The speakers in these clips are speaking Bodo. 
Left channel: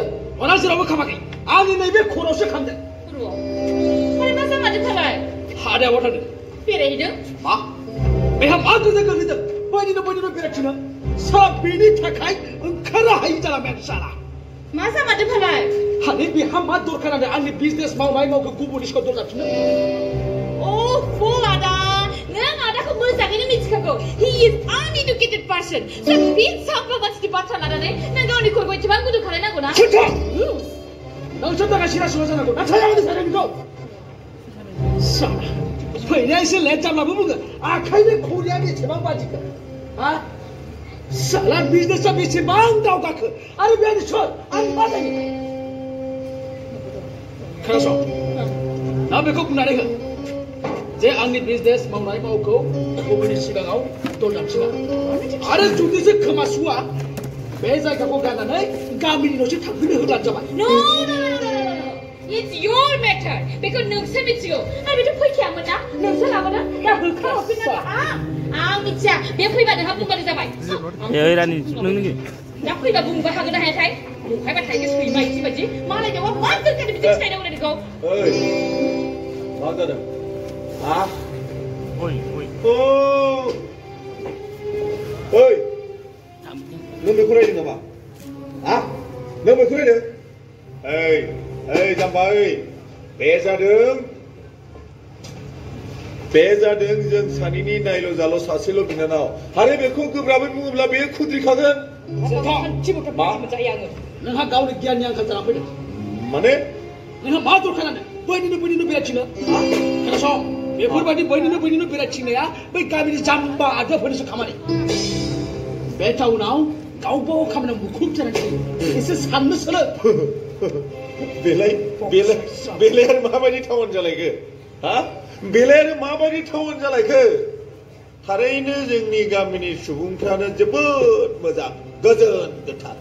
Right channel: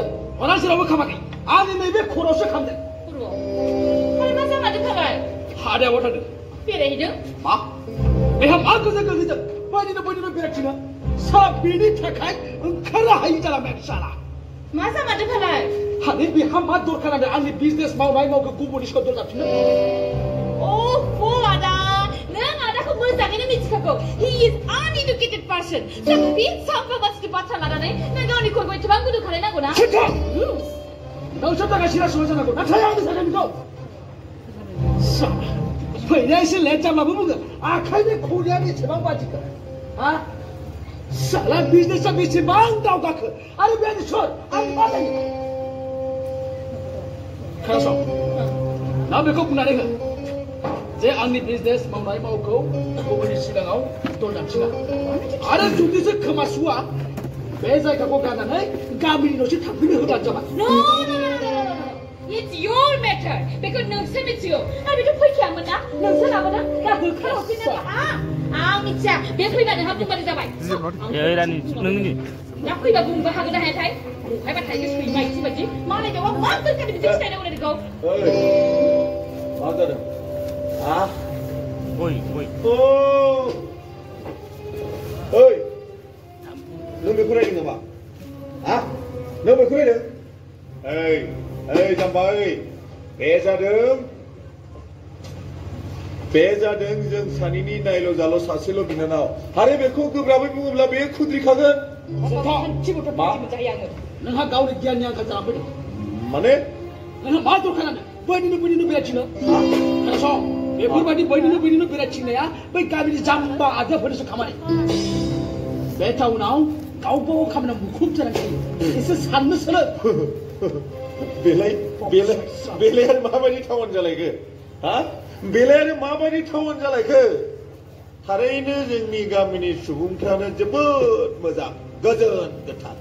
खामदों अना जेरावबो खामाखै आंनि नैबे खर'आवसो खामदों खर'आव मा जामारदों फालाय हादायाव थांदों बेरायहैदों मा बेहा मा गोजोन गोग्लैदों बैनिनो बेरायथिङो सा बेनि थाखाय ओंखारनो हायि जालांबाय साला मा जामारदों फालाय हानि बेहा मा दरखार जादों आंनि बिजनेस मावनाय गुबुननि सिगाङाव दरजाबफिनो आदा नों आदाखौ मोजाङैनो मिथिखागौ he is uneducated person so बे साफ्रा मानसिनि बाथ्रा लानानै नों गावनि खर'खौ एसेबां गुदुं खालायनांगौ ना नोंसोर थाखाय सिना सिना जानांगौ नाथाय आंनो सानो बेखौ साला फैनाया एसे लेट जाब्लाबो बुङो आखाइनि खौरिया बेसेबां बाजिखो हा साला बिजनेसा बेसेबां दावगाखो आरो बे सोर आं मा जायो खोनासं ना बेखौ बुंनानै हो जे आंनि बिजनेस मावनाय मावखौ गुबुननि सिगाङाव दरजाबफिना आरो जुदिसो खोमासुआ बे जायगाखौ गारनानै गामिनि न'सिम थांफिनो होब्लानो जाबाय No. It's your matter. बेखौ नोंसो मिथिगौ आरो बेथ' फैखायामोन ना नोंसो लाबोदों दा होखारहरफिननो आं मिथिया बे फैबा नोंहा बुंबानो जाबाय ए रानि नोंनि दा फैबा बुंबा हागोन ना हायाथाय बुंखायबा थाइसे सैमा इदि बायदि मालायनाव मा दोरखार बिदि खिथायनांगौ नोंखौ मा जादों हा ओइ नों बेखौ रायदों नामा हा नों बेखौ रायदों ओइ जाम्बा ओइ बे जादों जों सानैनि नायल' जाल' सासेल' बिनानाव आरो बेखौ गोब्राबै बुङोब्ला बे खुद्रिखागोन नोंहा गावनि गियाननि आंखाल जाना फैदों माने नोंहा मा दरखार जादों बैनिनो बेरायथिङो खोनासं बेफोरबायदि बैनिनो बेरायथिंनाया बै गामिनि जाम्बा आदाफोरनिसो खामानि बे टाउनाव गावबागाव खामानियाव मुखुब जानानै थायो एसे साननो सोलों बेलाय आरो माबायदि टाउन जालायखो हा बेलाय आरो माबायदि टाउन जालायखो थारैनो जोंनि गामिनि सुबुंफ्रानो जोबोद मोजां गोजोन गोथार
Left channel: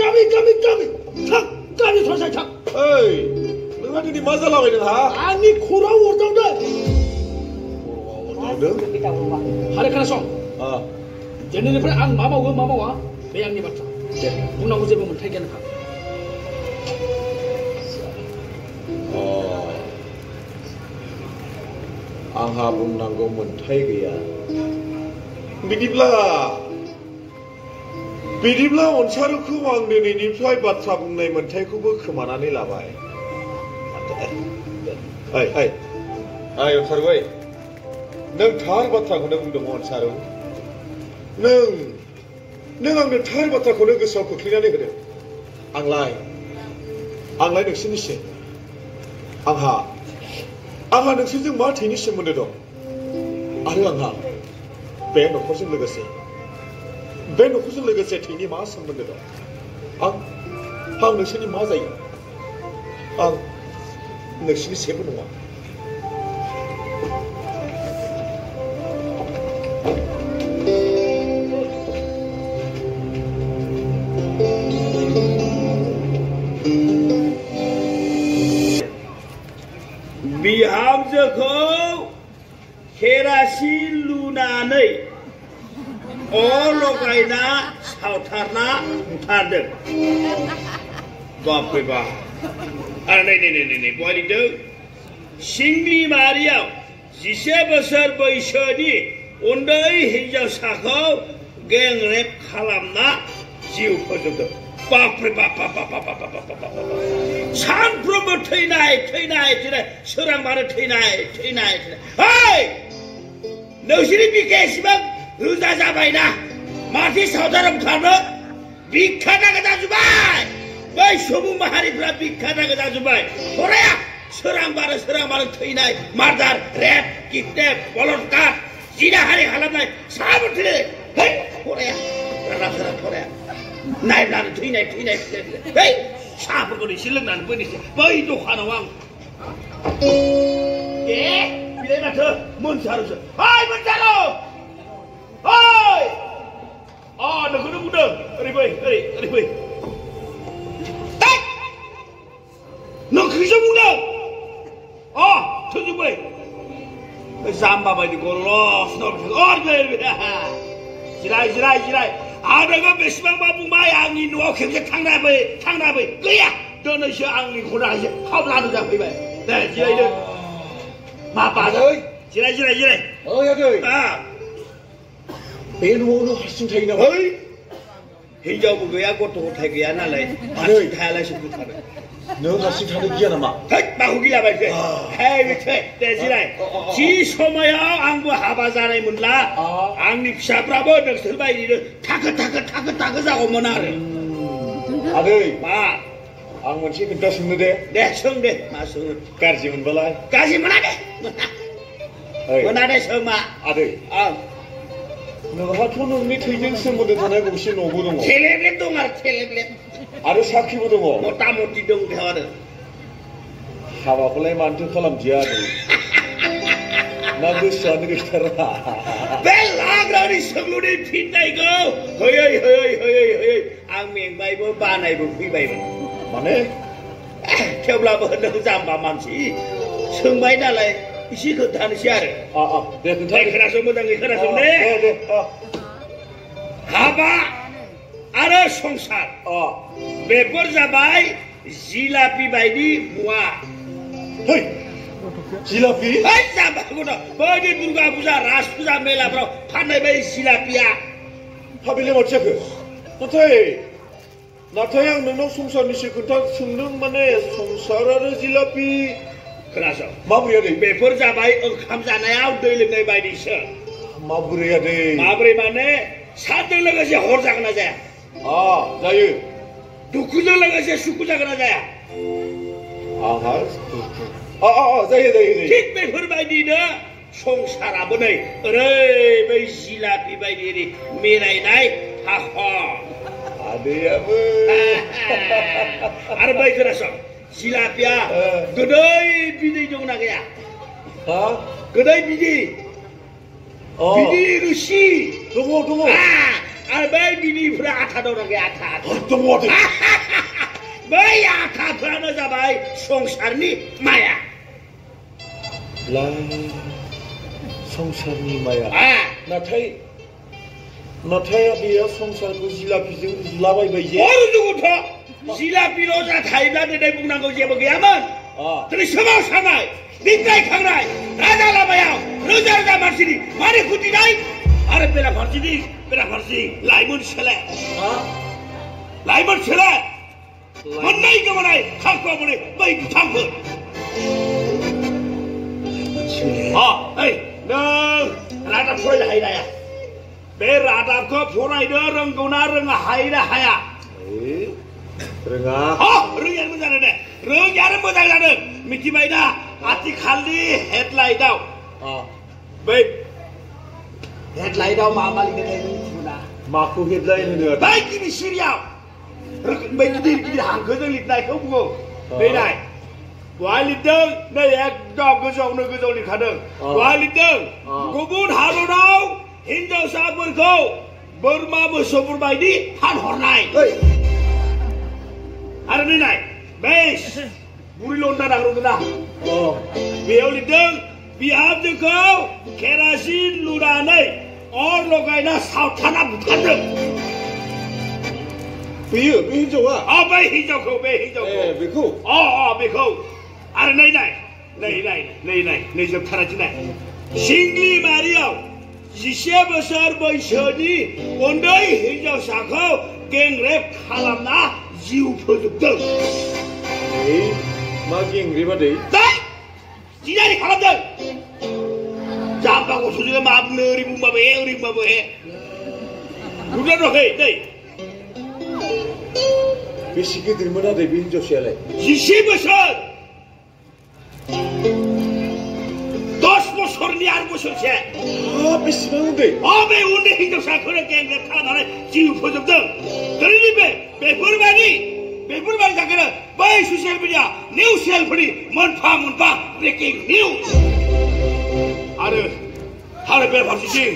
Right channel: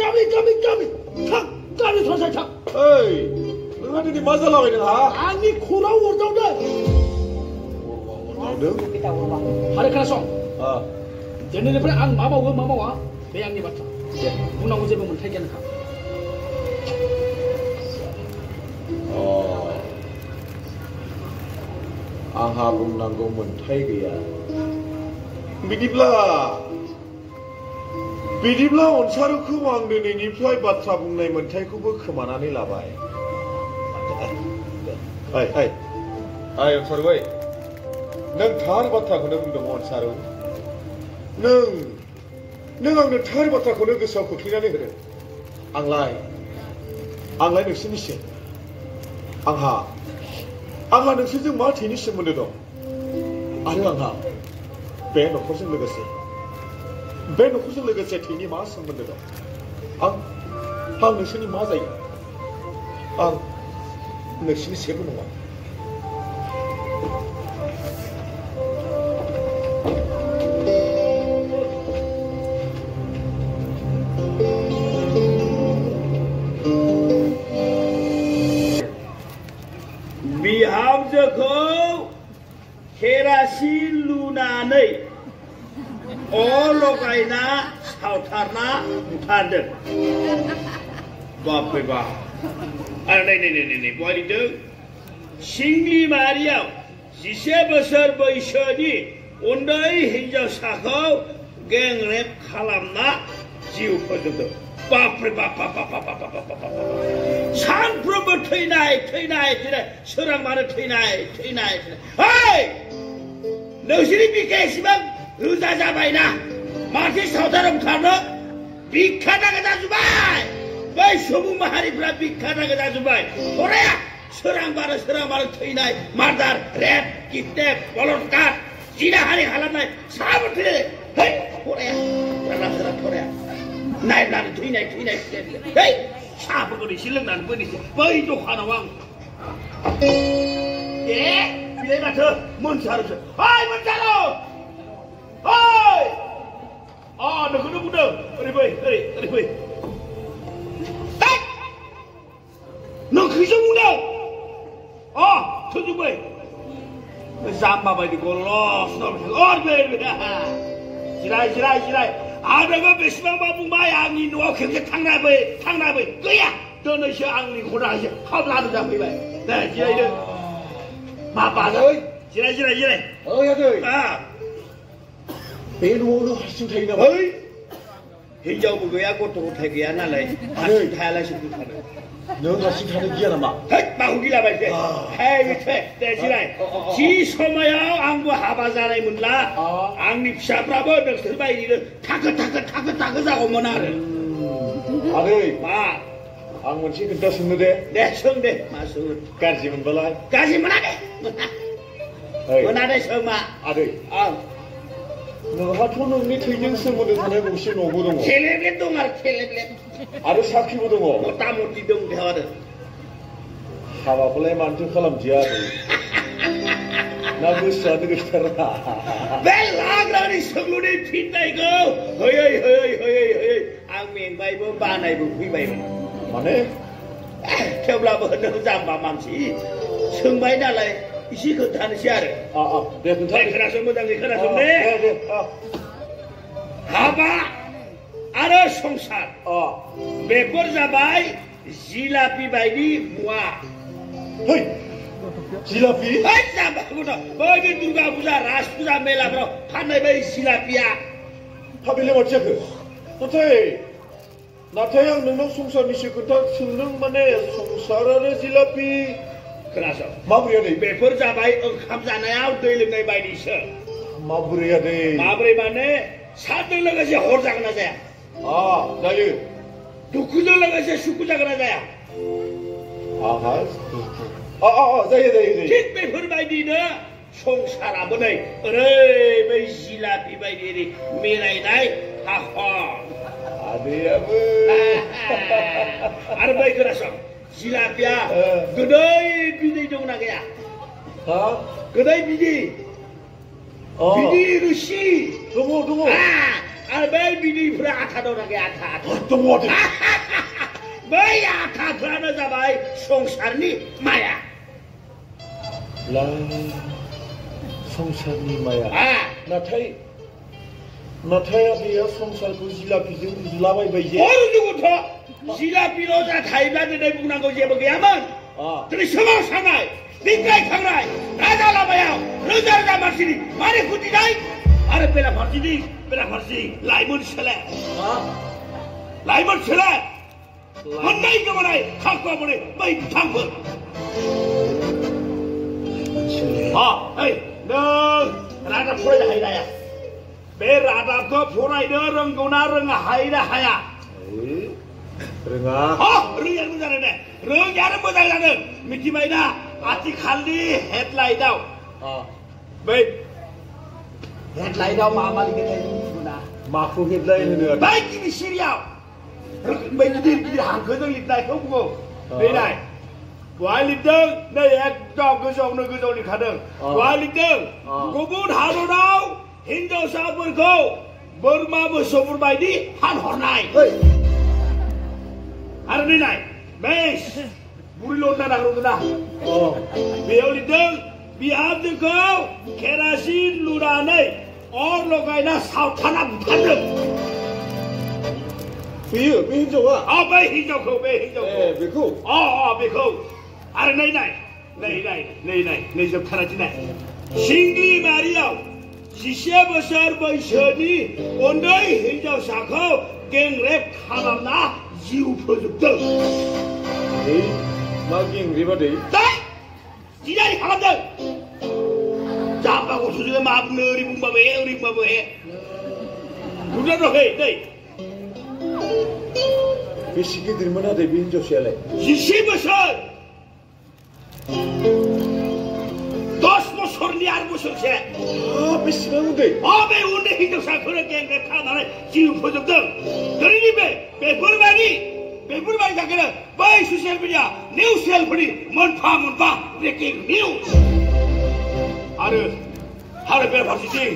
गामि थां गामि थांसाय थां ओइ नोंहा दिनै मा जालाबायदों हा आंनि खर'आव अरदावदों आरो खोनासं दिनैनिफ्राय आं मा मावो मा मावा बे आंनि बाथ्रा बुंनांगौ जेबो मोन्थाय गैया आंहा बुंनांगौ मोन्थाय गैया बिदिब्ला अनसारुखौ आं दिनैनिफ्राय बाथ्रा बुंनाय मोन्थायखौबो खोमानानै लाबाय अनसारु नों थार बाथ्राखौनो बुंदों अनसारु नों आंनो थार बाथ्राखौनो गोसोआव खोख्लैनानै होदों आंलाय नोंसोरनिसो आंहा नोंसोरजों मा थैनि सोमोन्दो दं आरो आंहा बे न'खरजों लोगोसे थैनि मा सोमोन्दो दं आं नोंसोरनि मा जायो आं नोंसोरनि जेबो नङा बिहामजोखौ केरासिन लुनानै अर लगायना सावथारना बुथारदों बापरे बाप आरो नै बहाय लिरदों सिंग्रि मारियाव 10 बोसोर बैसोनि उन्दै हिनजावसाखौ गेंरेप खालामना जिउ फोजोबदों बापरे बाप सानफ्रोमबो थैनाय सोरांबानो थैनाय नोंसोरनि बिखाया एसेबां रोजा जाबायना माथो सावथाराव खालामो बिखा नागा जाजोब्बाय बै सुबुं माहारिफ्रा बिखा नागा जाजोब्बाय फराया सोरांबानो थैनाय मार्डार रेप किडनेप बलात्कार जिनाहारि खालामनाय साबो थैनाय फराया नायब्लानो थैनाय साहाफोरखौ एसे लोंनानै फैनोसै बै दखानाव आं बिलाय माथो मोनसारुसो मोनसारु नोंखौनो बुंदों ओरै फै नोंखौसो बुंदों थोजोब्बाय जाम्बा बायदि गल'स जिराय आरोगा बेसेबांबा बुंबाय आंनि न'आव खेबसे थांनाबै गैया दिनैसो आंनि हदासो खावलानो जाफैबाय दे जिरायदो मा बाजै जिराय ओइ आदै बे न'आवनो हारसिं थायो नामा ओइ हिनजावबो गैया गथ' गथाय गैया नालाय हारसिं थायालासे बुंखादों नों हारसिं थानो गिया नामा थैद माखौ गिलाबायखो हे बिथै दे जिराय जि समायाव आंबो हाबा जानायमोनब्ला आंनि फिसाफ्राबो नोंसोर बायदिनो थाखो जागौमोन आरो आदै मा आं मोनसे खोथा सोंनो दे सों दे मा सोङो गाज्रि मोनबालाय गाज्रि मोना दे मोना दे सों मा आदै नोंहाथ' नोंनि थैजों सोमोन्दो थानाय गंसे न'बो दङ थेलेब्लेब दं आरो थेलेब्लेब आरो साखिबो दङ मथा मथि दं बेयाव आरो हाबाखौलाय मानोथो खालामदिया आदै ना गोसोआनो गैथारा बे लाग्रानि सोंलुनि फिननायखौ होयै आं मेंबायबो बानायबो फैबायमोन माने थेवब्लाबो नों जाम्बा मानसि सोंबाय नालाय एसे खोन्थानोसै आरो दे खोन्था खोनासं मोजाङै खोनासं दे हाबा आरो संसार बेफोर जाबाय जिलापि बायदि मुवा जिलापि बायदि दुर्गा फुजा राज फुजा मेलाफ्राव फाननाय बै जिलापिया बेलाय माथो जाखो नाथाय आं नोंनाव संसारनिसो खोथा सोंदों माने संसार आरो जिलापि खोनासं माबोरै आदै बेफोर जाबाय ओंखाम जानायाव दै लोंनाय बायदिसो माबोरै आदै माबोरै माने सानजों लोगोसे हर जागोन ना जाया जायो दुखुजों लोगोसे सुखु जागोन ना जाया जायो थिग बेफोरबायदिनो संसाराबो नै ओरै बै जिलापि बायदि मिलायनाय आदैयाबो आरो बै खोनासं जिलापिया गोदै बिदै दंना गैया गोदै बिदै रोसि दङ आरो बै बिदैफ्रा आथा दंना गैया आथा दङ बै आथाफ्रानो जाबाय संसारनि माया संसारनि माया नाथाय आदैया संसारखौ जिलापिजों रुलाबायबाय जे जिलापिल' जा थायोब्ला दिनै बुंनांगौ जेबो गैयामोन दिनै सोमावसारनाय बिग्रायखांनाय राजा लामायाव रोजा मानसिनि मारै खुदिनाय आरो बेराफारसेथिं लाइमोन सोले मोननै गोमानाय थांखुआ मोनै बै बिथांफोर नों रादाब फरायनो हायो नाया बे रादाबखौ फरायनो रोंगौना रोङा हायोना हाया रोङा रोङियानो मोजां जादों दे रोङियानो मोजां जादों मिथिबायना आथिखालनि हेडलाइटआव बै हेडलाइटआव मा लिरनाय मिथिगौना माखौ हेडलाइन होनो बै गिबि सिरियाव बै गिदिर हांखोजों लिरनायखौ बुङो बे नाय बहा लिरदों नै एकदम गोजौआव लिरखादों बहा लिरदों गुबुन हादराव हिनजावसाफोरखौ बोरमा मोसौफोर बायदि फानहरनाय आरो नै नाय बेस बुरि लन्दा नांगौना बेयाव लिरदों बिहामजोखौ केरासिन लुनानै अर लगायना सावथाना बुथारदों बे हिनजावा बै हिनजावखौ बेखौ बेखौ आरो नै जोबथारासै नाय सिंग्लिमारियाव 10 बोसोर बैसोनि उन्दै हिनजावसाखौ गेंरेप खालामना जिउ फोजोबदों मा गेंरेप आदै जिनारि खालामदों जाम्बा गथ'जों मा बुंनो ओरै बुंबाबो नुदों नै बेसे गिदिरमोन आदै बे हिनजावसायालाय 10 बोसोर 10 बोसोरनि 8 बोसोरसे बेसेबां उन्दै बे उन्दै हिनजावसाखौनो गेंरेप खालामनानै जिउ फोजोबदों दिनैनि बेफोरबायदि थाखायनो बै ससियेल मिडिया निउस चेनेलफोरनि मोनफा ब्रेकिं निउस आरो बेराफारसेथिं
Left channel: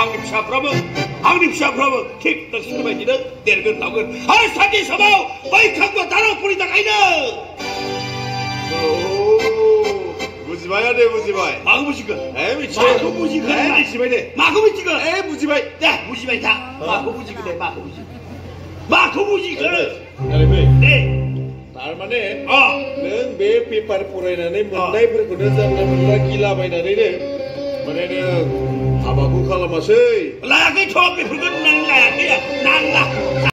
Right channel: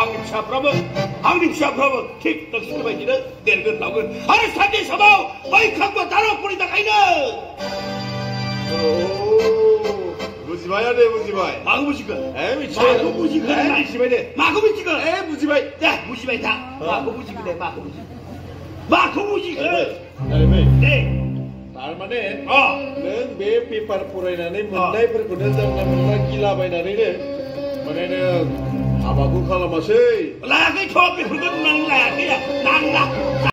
आंनि फिसाफ्राबो थिग नोंसोरनि बायदिनो देरगोन थागोन आरो सानसे समाव बै खांबा दारावफोरनि थाखायनो बुजिबाय दे बुजिबाय माखौ बुजिखो मिथिबाय माखौ बुजिखो मिथिबाय दे माखौ बुजिखो बुजिबाय दे बुजिबाय था माखौ बुजिखो दे माखौ बुजिखो दे थारमाने नों बे पेपार फरायनानै मोननायफोरखौनो जानला मोनला गिलाबायनानैनो माने नों हाबाखौ खालामासै लायाखैथ' बेफोरखौ नुनानै लायाखै नांला